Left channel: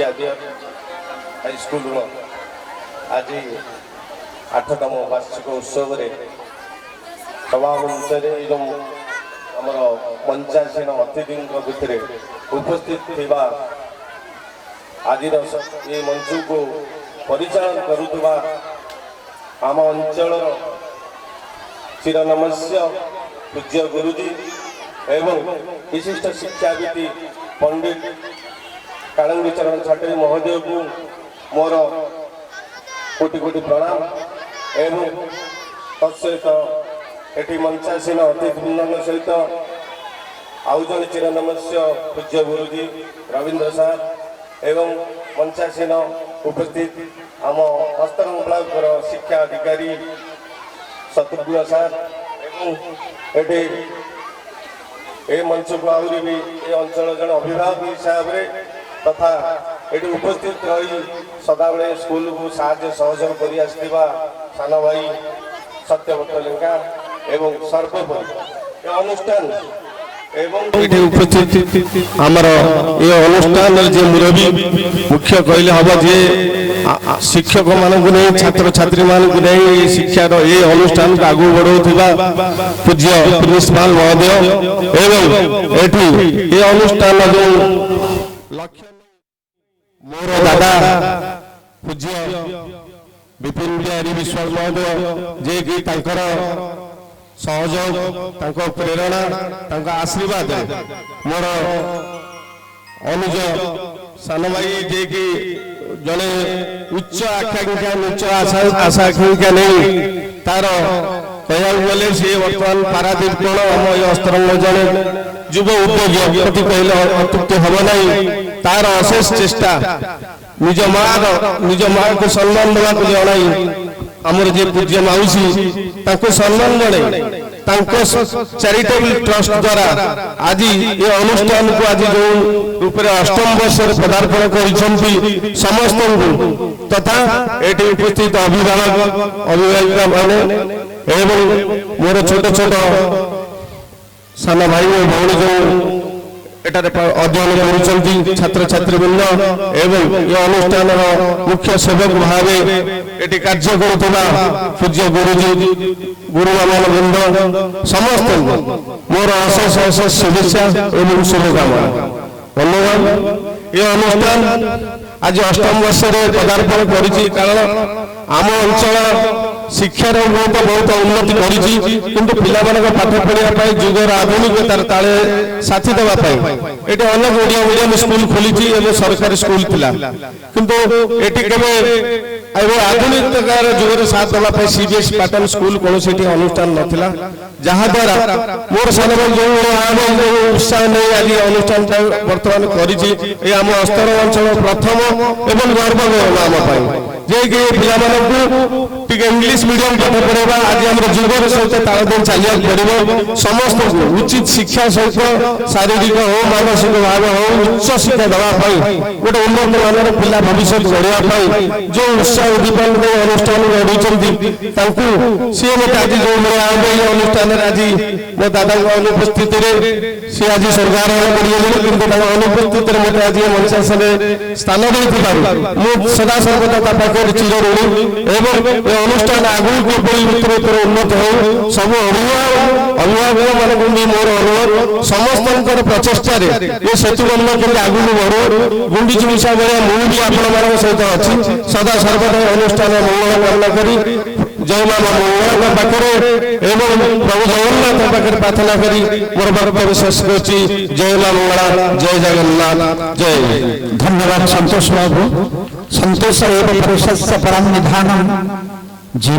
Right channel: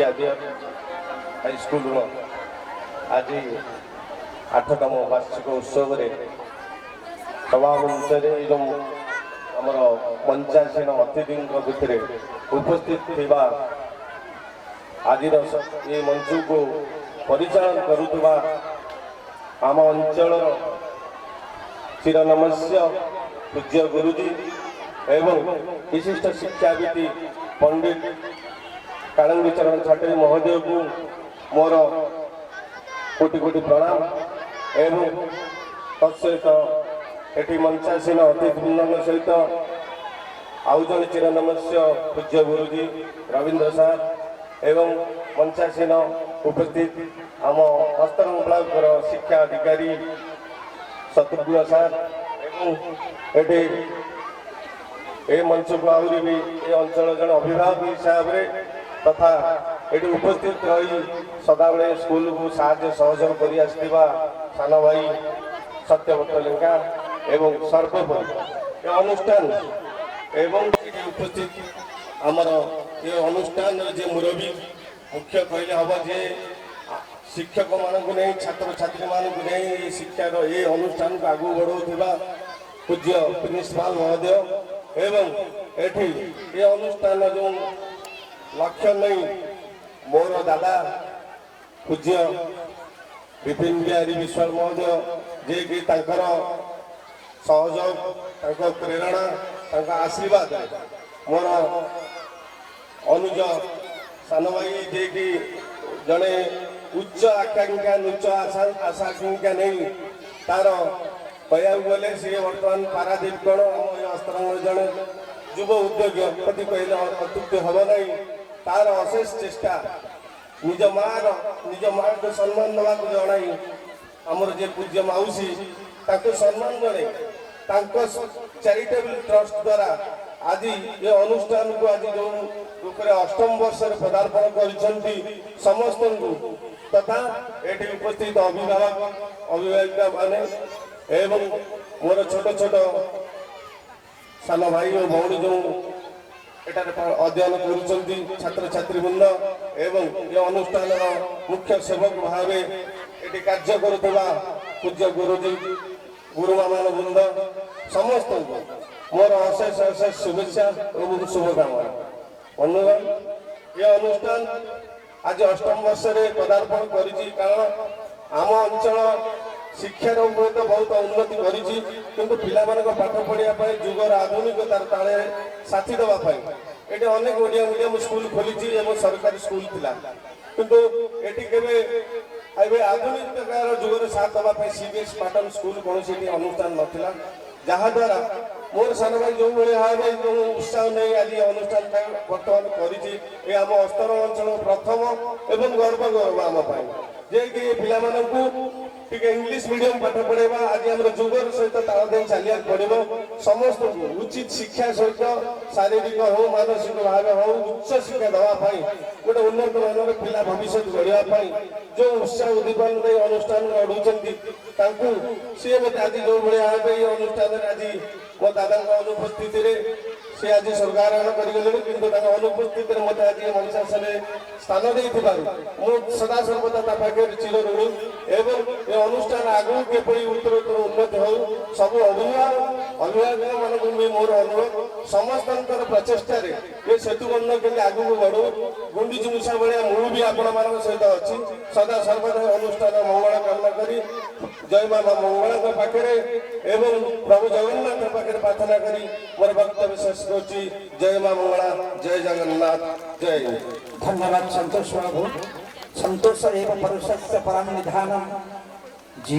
High school आज 8तम वार्षिक उत्सव सभामंच आमर 85 अतिथि भितर उपस्थित थिबा आज ये मंच को परिचालन करुवा आम अंचल चिरनमस्य पूज्य गुरुजी एवं विशिष्ट शिक्षाविद पंडित कालंगी चरण छाटे महोदय को मोर कोटि कोटि प्रणाम एवं तत्सहित एटी मंचासीन अतिथिवृंद सहित आउ जन चिरनमस्य पूज्य गुरुजी रवींद्र सार एवं मंचासीन उपस्थित आम हस्तरंग ब्लॉक शिक्षा अधिकारी शत्रुघ्न सार एवं ए मंच को आहरी भी ए अंचल जन अभिभावक हिसाब से तथा ये उपस्थित रही सदाबले स्कूल को साहाय्य सहयोग कर सान भाई सत्यव्रत लेंका एवं सर्वोपरि अनुष्ठान उपस्थित आमर ये अनुष्ठान जे मुरबी मुख्य कहले हम जे शिक्षक मानक नहीं छात्र छात्री मानक नहीं शिक्षार ये अनुष्ठान को आगू बढ़ाऊा पूज्य प्रिंसिपाल महोदय एवं ये अनुष्ठान जो लक्ष्य नहीं मोर दादा पूज्य विपिन बिहारी विश्वास महोदय जे कि सहयोग प्रेरणा आशीर्वाद मोर अनुज सान भाई जे कि जड़े उच्च आकांक्षा उच्च आशा आकांक्षा नहीं तार कहया गले सी बर्तमान पारादीप कौन आम अस्तरंग जड़े युव उद्योगी कहले अत्युक्ति हम नहीं तार अशेष चेष्टा निज माँ को सम्मान देवा जन आमर जे पूज्य माउसी सम्मान जड़े चैरिटेबल ट्रस्ट द्वारा आज ये अनुष्ठान को आज जो रूप में 8म वर्ष पदार्पण कर समस्त तथा ये उपस्थित अभिभाविका मैंने एवं मोर छोट छोट सान भाई भौणी जो अध्ययन कर छात्र छात्रीवृंद एवं ये अनुष्ठान मुख्य सेवक भाव ये कार्य करुवा पूज्य गुरुजी गुरुमान वृंद समस्त मोर अशेष अशेष शुभेच्छा एवं शुभकामना धन्यवाद। ये अनुष्ठान आज 8म वर्ष पदार्पण कर कारण आम अंचल शिक्षार बहुत उन्नति किंतु पिला पाठ पढ़ा जुगर आधुनिकतार ताले साथी देवाई ये अनेक ओडिया मीडियम स्कूल खोली सरकारी स्कूल थिला किंतु ये आधुनिकतार जुगर साथ देवाई सीबीएसई पैटर्न स्कूल कौन से अनुष्ठान नाला जहाद्वारा मोर सान जो उत्साह नहीं आज अनुष्ठान बर्तमान करम अस्तर अंचल प्रथम एवं गर्व आम जे कि पिला इंग्लिश मीडियम पाठ पढ़ा आज आम जुगर सहित तालदेन चलिया पड़ो समस्त उचित शिक्षा सहित शारीरिक हो मानसिक भाव हो उच्च शिक्षा देवाई गोटे उन्नत मान पिला भविष्य गढ़ाई जो उत्साह उद्दीपन अनुष्ठान गढ़ी सी मत आज जो अनुष्ठान आज मो दादा अनुपस्थित सी आज स्वर्गार कर अनुपस्थित मत आज मंचासन स्थान दे सदा सर्वदा चिर ऋणी एवं अनुष्ठान आगू उत्तर उन्नत हो सब अभिभावक मान मोर अनुरोध समस्त प्रचेषा ये सेतुबंध के आगू बढ़ो गुंडीच मिशा भाया मुझे आपण सहित अच्छी सदा सर्वदा अनुष्ठान मंगल कामना करी जय मामा मंगला पाखे एवं प्रभु जगन्नाथ पाखे प्रार्थना करी मोर वक्तव्य शेष कर जय मां मंगला जय जगन्नाथ जय। धन्यवाद संतोष बाबू। संतोष एवं परम निधानम जी।